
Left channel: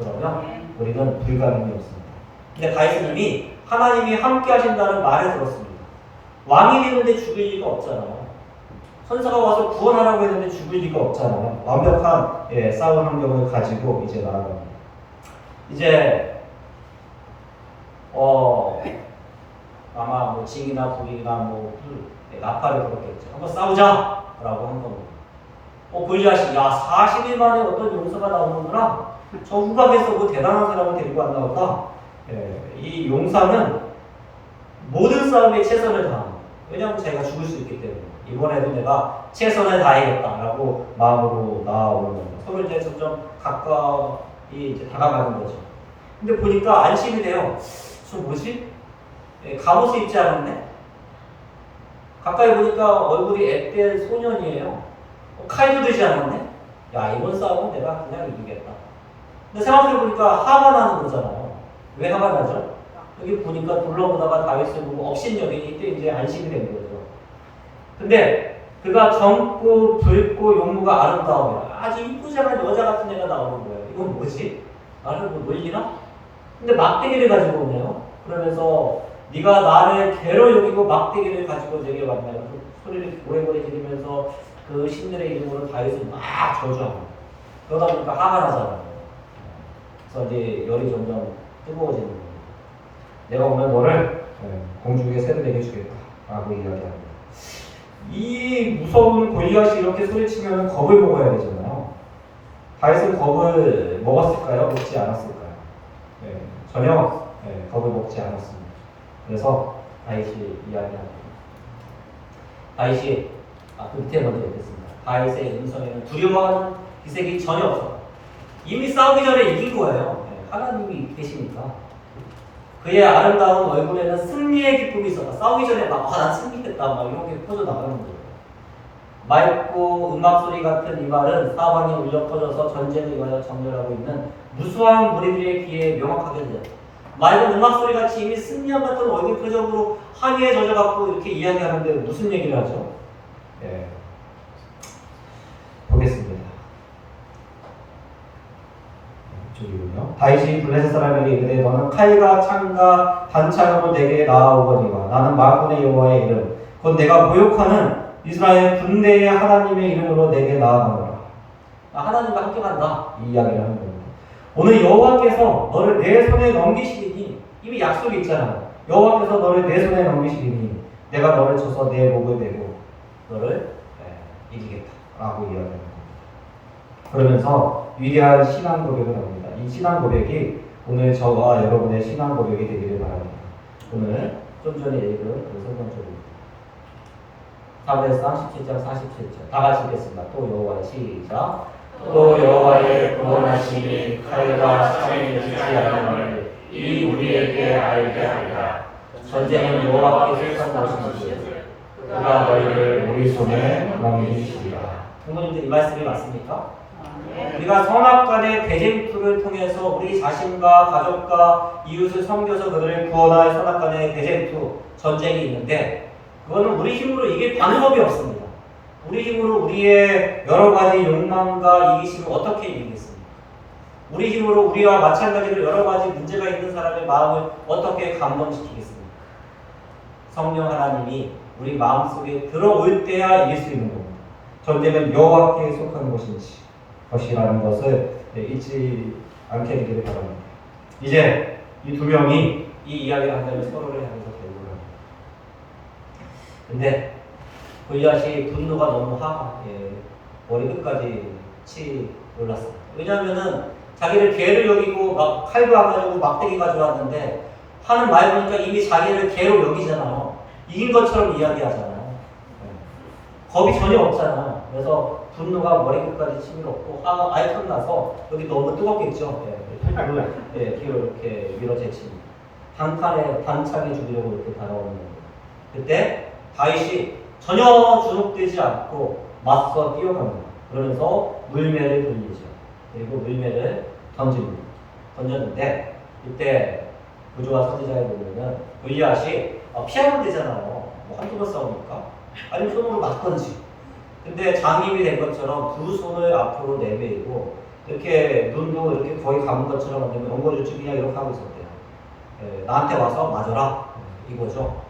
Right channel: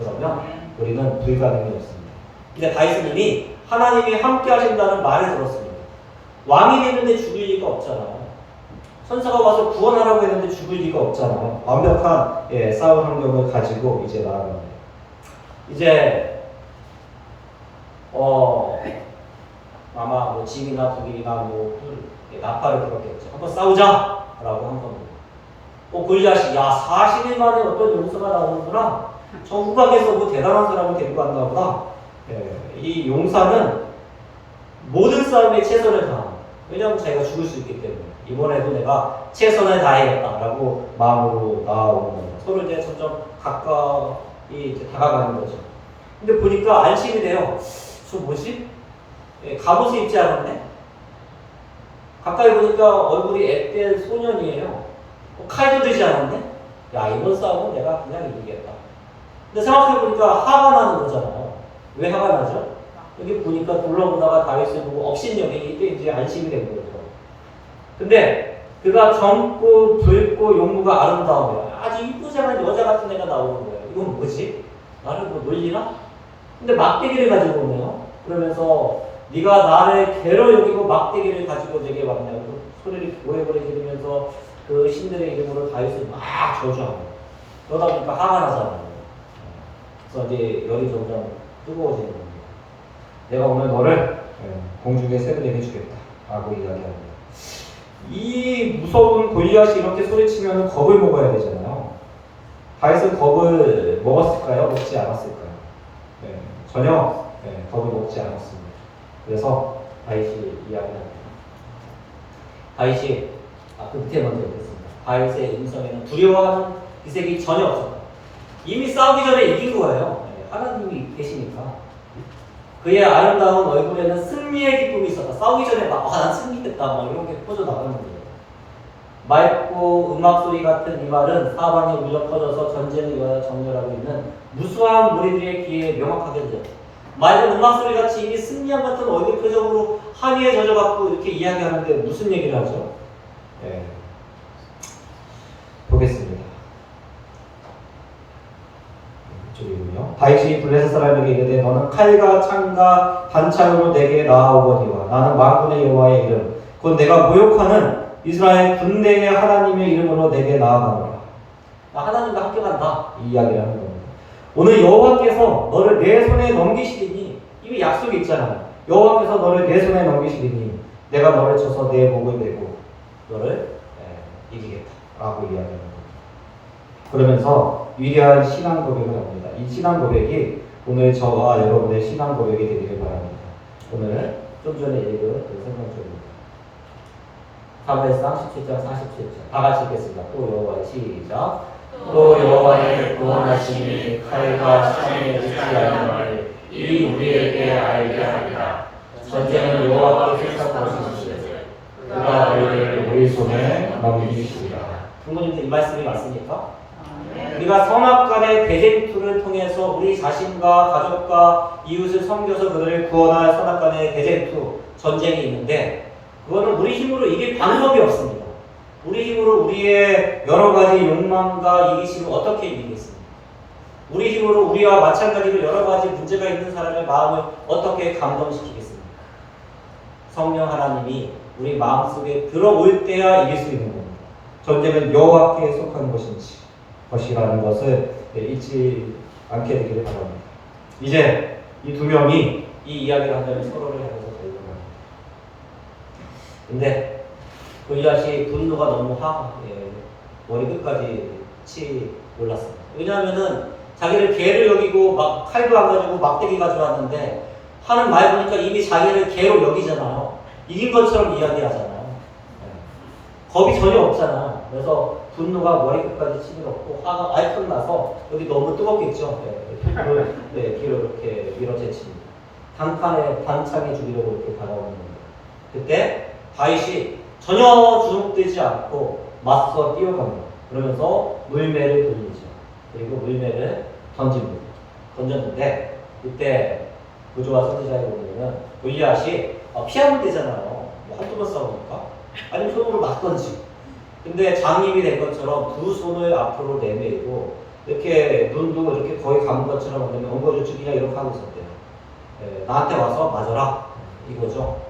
그러면 우리는 불가능이 없습니다. 근데 다윗은 이미 하나님이 함께 하신다는 말을 들었습니다. 왕이 되는데 죽을 리가 없잖아요. 천사가 와서 구원하라고 했는데 죽을 리가 없잖아요. 완벽한 싸움 환경을 가지고 이제 나아갑니다. 이제 아마 뭐 징이나 북이나 나팔을 불었겠죠. 한번 싸우자라고 한 겁니다. 골리앗이 40일 만에 어떤 용사가 나오는구나. 저 후각에서 그 대단한 사람을 데리고 왔나 보다. 이 용사는 모든 싸움에 최선을 다합니다. 왜냐하면 자기가 죽을 수 있기 때문에 이번에도 내가 최선을 다해야겠다라고 마음으로 나아오는 겁니다. 서로 이제 점점 가까이 이제 다가가는 거죠. 근데 보니까 안심이 돼요. 저 뭐지? 갑옷을 입지 않았네? 가까이 보니까 얼굴이 앳된 소년이에요. 칼도 들지 않았네? 야, 이번 싸움은 내가 그냥 이기겠다. 근데 생각해보니까 화가 나는 거잖아요. 왜 화가 나죠? 여기 보니까 둘러보다가 다윗이 뭐 억신여기 이때 이제 안심이 된 거죠. 근데 그가 젊고 붉고 용모가 아름다우며 아주 이쁘지 않은 여자 같은 애가 나오는 거예요. 이건 뭐지? 나를 뭐 놀리나? 근데 막대기를 가지고 오네요. 그러면서 네가 나를 개로 여기고 막대기를 가지고 내게 왔냐. 소리를 고래고래 지르면서 그 신들의 이름으로 다윗을 막 저주하고 그러다 보니까 화가 나잖아요. 그래서 이제 열이 점점 뜨거워지는 겁니다. 내가 오늘 너를 공중에 세르되게 주겠다 라고 이야기합니다. 이 무서운 골리앗이 이렇게 소리치면 겁을 먹어야 되잖아요. 다윗은 겁을 먹었을까요? 먹지 않았을까요? 전혀 겁을 먹지 않았습니다. 그래서 다윗이 이야기합니다. 다윗이 그 밑에 먼저 읽겠습니다. 다윗의 음성에는 두려워하는 기색이 전혀 없었다. 이미 싸우기 전에 이긴 거예요. 하나님이 계시니까. 그의 아름다운 얼굴에는 승리의 기쁨이 있었다. 싸우기 전에 난 승리했다 막 이렇게 퍼져 나가는 거예요. 맑고 음악 소리 같은 이 말은 사방에 울려 퍼져서 전쟁을 위하여 정렬하고 있는 무수한 무리들의 귀에 명확하게 들렸다. 맑은 음악 소리 같이 이미 승리한 같은 얼굴 표정으로 항의에 젖어갖고 이렇게 이야기하는데 무슨 얘기를 하죠? 보겠습니다. 이쪽이군요. 다윗이 블레셋 사람에게 이르되 너는 칼과 창과 단창으로 내게 나아오거니와 나는 만군의 여호와의 이름 곧 내가 모욕하는 이스라엘 군대의 하나님의 이름으로 내게 나아가노라. 하나님과 함께 간다 이 이야기를 하는 겁니다. 오늘 여호와께서 너를 내 손에 넘기시리니 이미 약속이 있잖아요. 여호와께서 너를 내 손에 넘기시리니 내가 너를 쳐서 내 목을 베고 너를 이기겠다라고 이야기하는 겁니다. 그러면서 위대한 신앙 고백을 합니다. 이 신앙 고백이 오늘 저와 여러분의 신앙 고백이 되기를 바랍니다. 오늘 좀 전에 읽은 그 성경적입니다. 사무엘상 17장 47절 다 같이 읽겠습니다. 또 여호와의 시작. 또 여호와의 구원하심이 칼과 창에 있지 아니함을 이 우리에게 알게 하리라. 전쟁은 여호와께서 하신 것이니 그가 너희를 우리 손에 넘기시리라. 부모님들 이 말씀이 맞습니까? 우리가 선악간의 대쟁투를 통해서 우리 자신과 가족과 이웃을 섬겨서 그들을 구원할 선악간의 대쟁투 전쟁이 있는데 그거는 우리 힘으로 이길 방법이 없습니다. 우리 힘으로 우리의 여러 가지 욕망과 이기심을 어떻게 이기겠습니까? 우리 힘으로 우리와 마찬가지로 여러 가지 문제가 있는 사람의 마음을 어떻게 감동시키겠습니까? 성령 하나님이 우리 마음속에 들어올 때야 이길 수 있는 겁니다. 전쟁은 여호와께 속한 것이라는 것을 잊지 않게 되기를 바랍니다. 이제 이 두 명이 이 이야기를 한다면 서로를 향해서 결론합니다. 근데 골리앗이 분노가 너무 머리 끝까지 치 올랐어요. 왜냐하면은 자기를 개로 여기고 막 칼도 안 가지고 막대기 가져왔는데 하는 말 보니까 이미 자기를 개로 여기잖아요. 이긴 것처럼 이야기하잖아요. 겁이 전혀 없잖아요. 그래서 분노가 머리 끝까지 치밀었고 화가 알끔 나서 여기 너무 뜨겁겠죠. 뒤로 이렇게 밀어제칩니다. 단칸에 반창에 죽이려고 이렇게 다가오는 거예요. 그때 다윗이 전혀 주눅들지 않고 맞서 뛰어갑니다. 그러면서 물매를 돌리죠. 그리고 물매를 던졌는데 이때 구조와 선지자에 보면 골리앗이 피하면 되잖아요. 뭐 한두 번 싸우니까. 아니면 손으로 맞던지. 근데 장님이 된 것처럼 두 손을 앞으로 내밀고 이렇게 눈도 이렇게 거의 감은 것처럼 엉거주춤이야 이렇게 하고 있었대요. 나한테 와서 맞아라 이거죠.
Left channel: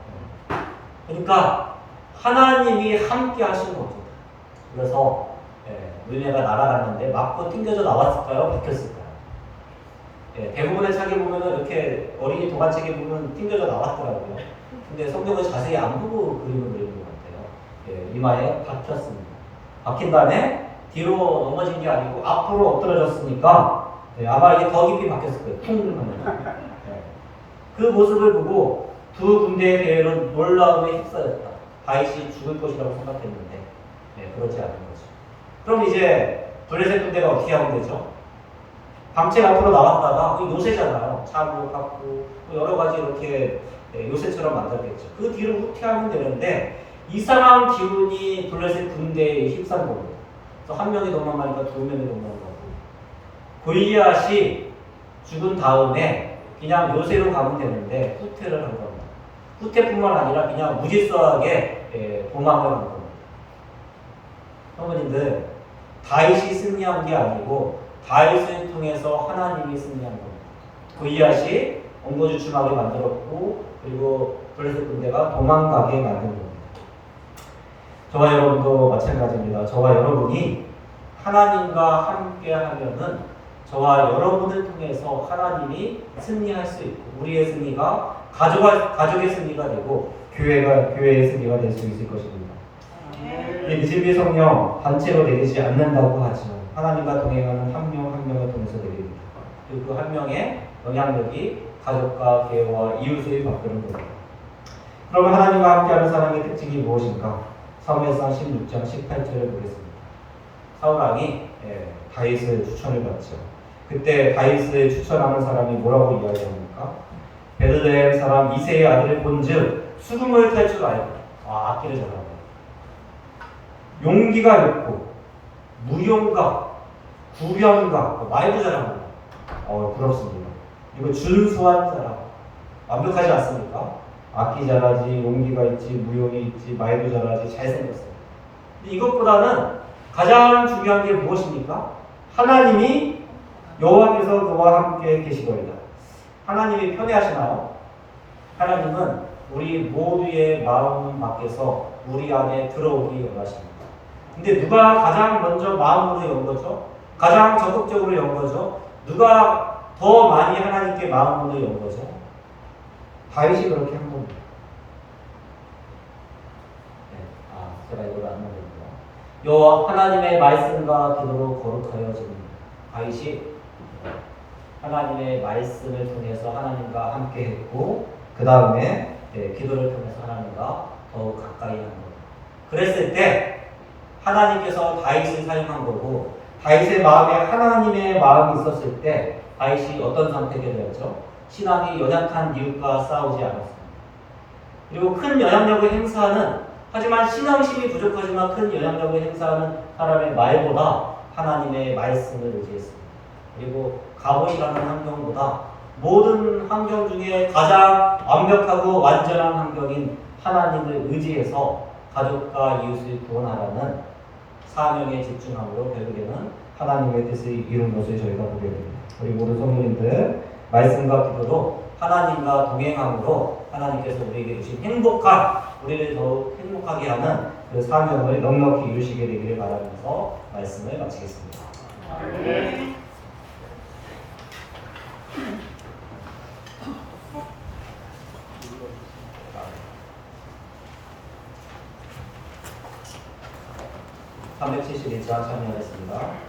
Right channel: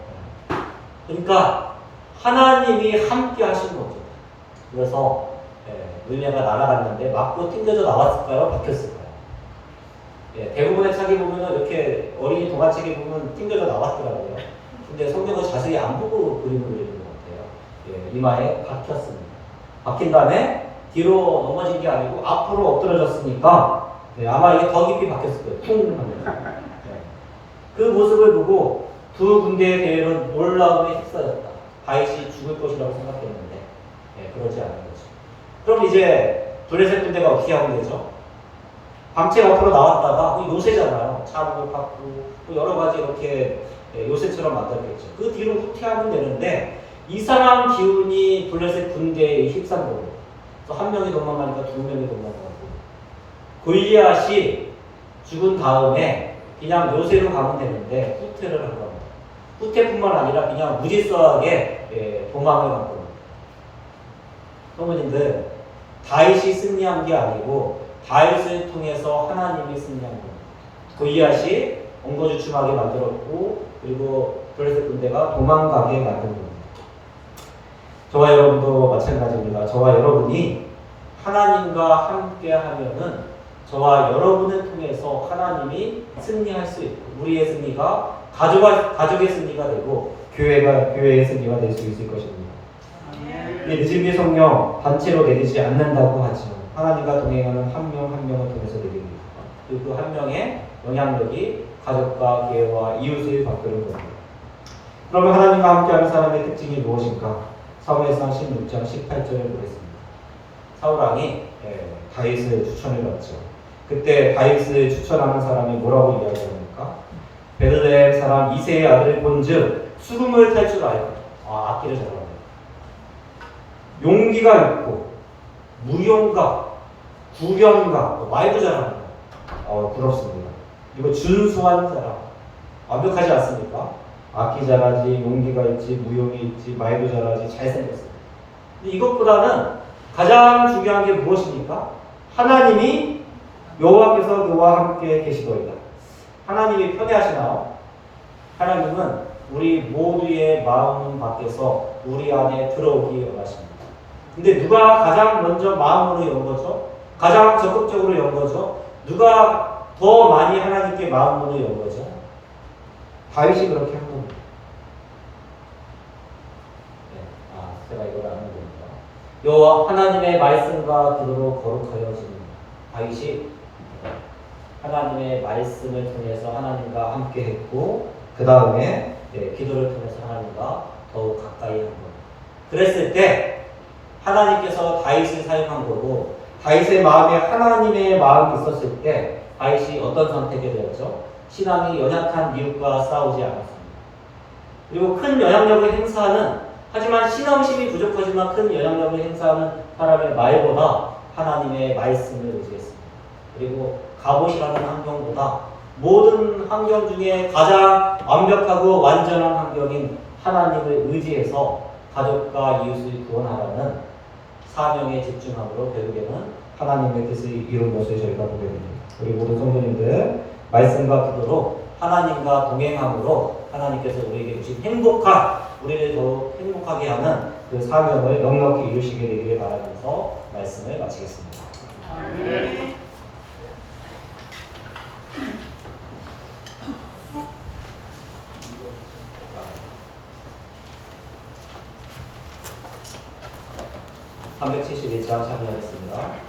그러니까 하나님이 함께 하신 거죠. 그래서 물매가 날아갔는데 맞고 튕겨져 나왔을까요? 박혔을까요? 대부분의 책에 보면은 이렇게 어린이 동화책에 보면 튕겨져 나왔더라고요. 근데 성경은 자세히 안 보고 그림을 그리는 것 같아요. 이마에 박혔습니다. 박힌 다음에 뒤로 넘어진 게 아니고 앞으로 엎드려졌으니까 아마 이게 더 깊이 박혔을 거예요. 쿵 하면. 그 모습을 보고 두 군대에 대해서는 놀라움에 휩싸였다. 다윗이 죽을 것이라고 생각했는데 그러지 않은 거죠. 그럼 이제 블레셋 군대가 어떻게 하면 되죠? 방책 앞으로 나왔다가 요새잖아요. 차로 받고 또 여러 가지 이렇게 요새처럼 만들었겠죠. 그 뒤로 후퇴하면 되는데 이상한 기운이 블레셋 군대에 휩싼 거예요. 그래서 한 명이 도망가니까 두 명이 도망가고 골리앗이 죽은 다음에 그냥 요새로 가면 되는데 후퇴를 한 겁니다. 후퇴뿐만 아니라 그냥 무질서하게 도망을 한 겁니다. 성도님들, 다윗이 승리한 게 아니고 다윗을 통해서 하나님이 승리한 겁니다. 골리앗이 엉거주춤하게 만들었고 그리고 블레셋 군대가 도망가게 만든 겁니다. 저와 여러분도 마찬가지입니다. 저와 여러분이 하나님과 함께 하면은 저와 여러분을 통해서 하나님이 승리할 수 있고 우리의 승리가 가족의 승리가 되고 교회의 승리가 될 수 있을 것입니다. 이 늦은비 성령 단체로 내리지 않는다고 하죠. 하나님과 동행하는 한 명 한 명을 통해서 내립니다. 그리고 그 한 명의 영향력이 가족과 교회와 이웃을 바꾸는 겁니다. 그러면 하나님과 함께하는 사람의 특징이 무엇인가? 사무엘상 16장 18절을 보겠습니다. 사울왕이 다윗을 추천을 받죠. 그때 다윗을 추천하는 사람이 뭐라고 이야기합니까? 베들레헴 사람 이새의 아들을 본즉 수금을 탈 줄 알고 악기를 잘합니다. 용기가 있고 무용가, 구변가, 말도 잘합니다. 부럽습니다. 그리고 준수한 사람 완벽하지 않습니까? 악기 잘하지, 용기가 있지, 무용이 있지, 말도 잘하지, 잘생겼어요. 근데 이것보다는 가장 중요한 게 무엇입니까? 하나님이 여호와께서 그와 함께 계시거이다. 하나님이 편애하시나요? 하나님은 우리 모두의 마음 밖에서 우리 안에 들어오기 원하십니다. 근데 누가 가장 먼저 마음으로 연 거죠? 가장 적극적으로 연 거죠? 누가 더 많이 하나님께 마음으로 연 거죠? 다윗이 그렇게 한 겁니다. 제가 이걸 안 해드릴까요? 요 하나님의 말씀과 기도로 거룩하여집니다. 다윗이 하나님의 말씀을 통해서 하나님과 함께했고 그 다음에 기도를 통해서 하나님과 더욱 가까이 한 겁니다. 그랬을 때 하나님께서 다윗을 사용한 거고 다윗의 마음에 하나님의 마음이 있었을 때 다윗이 어떤 선택이 되었죠? 신앙이 연약한 이웃과 싸우지 않았습니다. 그리고 큰 영향력을 행사하는 하지만 신앙심이 부족하지만 큰 영향력을 행사하는 사람의 말보다 하나님의 말씀을 의지했습니다. 그리고 갑옷이라는 환경보다 모든 환경 중에 가장 완벽하고 완전한 환경인 하나님을 의지해서 가족과 이웃을 구원하라는 사명에 집중함으로 결국에는 하나님의 뜻을 이룬 것을 저희가 보게 됩니다. 우리 모든 성도님들 말씀과 기도로 하나님과 동행함으로 하나님께서 우리에게 주신 우리를 더욱 행복하게 하는 그 사명을 넉넉히 이루시게 되기를 바라면서 말씀을 마치겠습니다. 아멘. 371장 참여하겠습니다.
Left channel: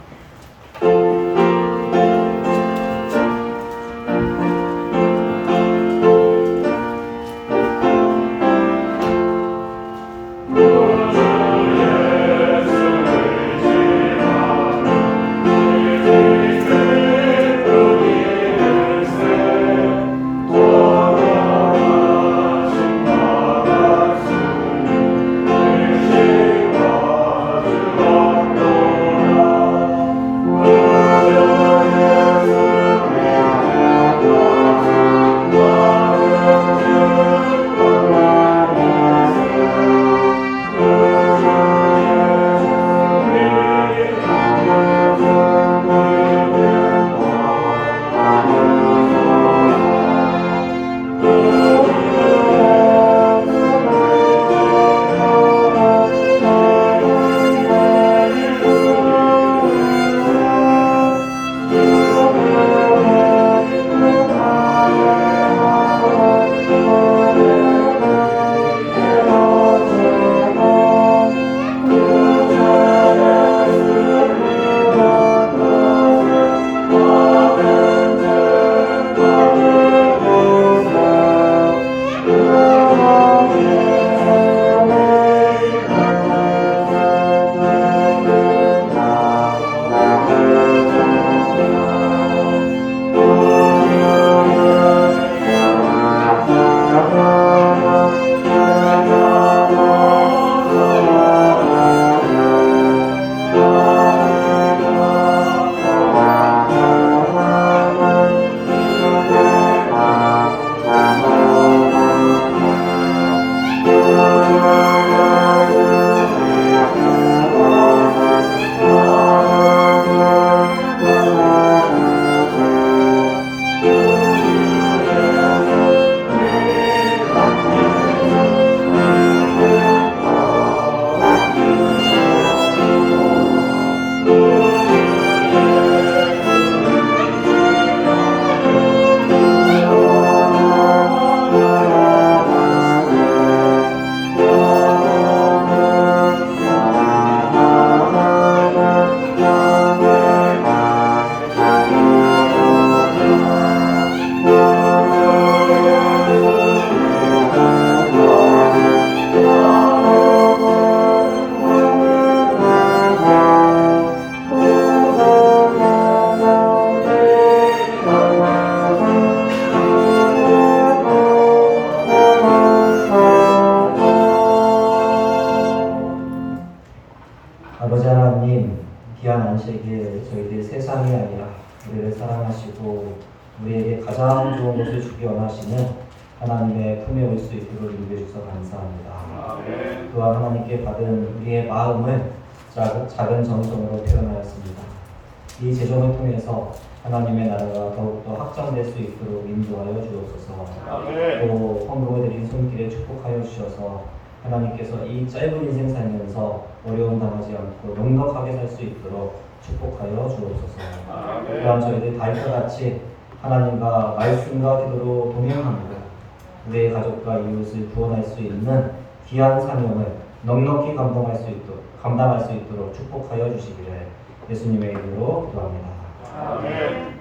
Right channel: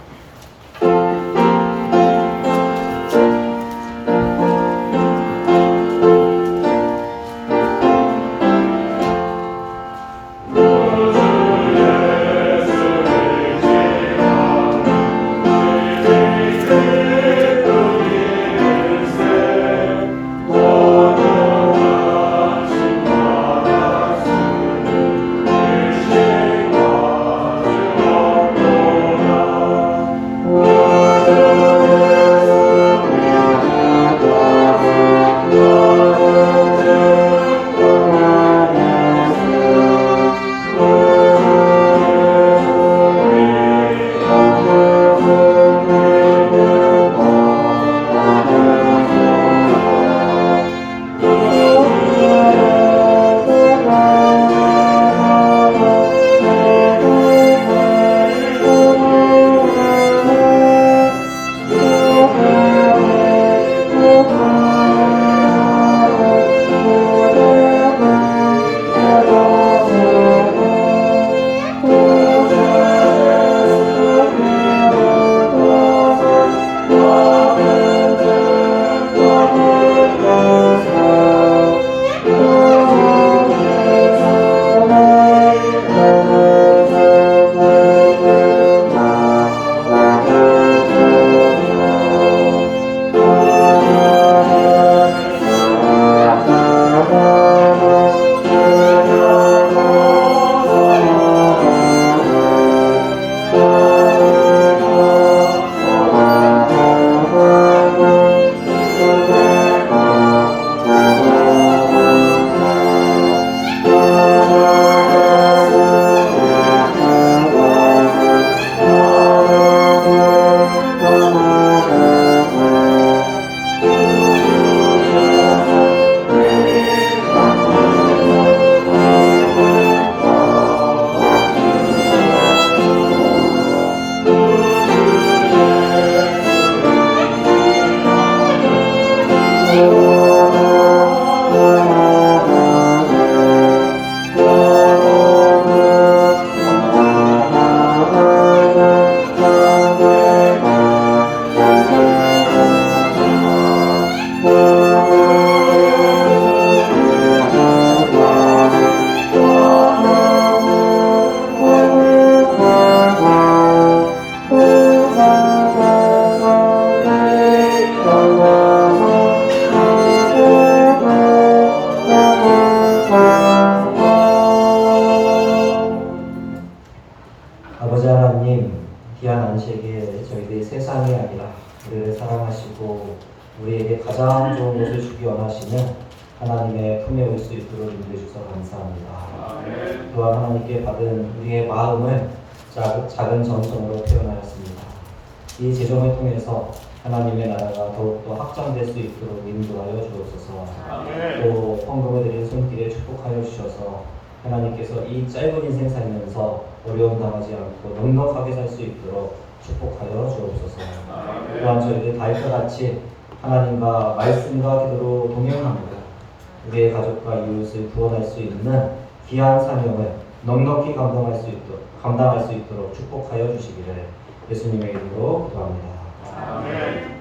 아버지 하나님, 귀한 안식에 저희들 세상이 아니라 우리를 사랑하시고 우리에게 가장 좋은 것을 주기 원하시는 하나님의 품에 올 수 있도록 인도해 주셔서 감사합니다. 아멘. 또한 하나님께 받은 우리의 마음을 작은 정성으로 표현하였습니다. 이 제정을 통해서 하나님의 나라가 더욱더 확장될 수 있도록 인도하여 주옵소서. 아멘. 또 헌금을 드린 손길에 축복하여 주셔서 하나님께서 이 짧은 인생 살면서 어려움 당하지 않고 넉넉하게 살 수 있도록 축복하여 주옵소서. 아멘. 또한 저희들 다윗과 같이 하나님과 말씀과 기도로 동행합니다. 우리의 가족과 이웃을 구원할 수 있는 귀한 사명을 넉넉히 감당할 수 있도록 축복하여 주시기를 예수님의 이름으로 기도합니다. 아멘.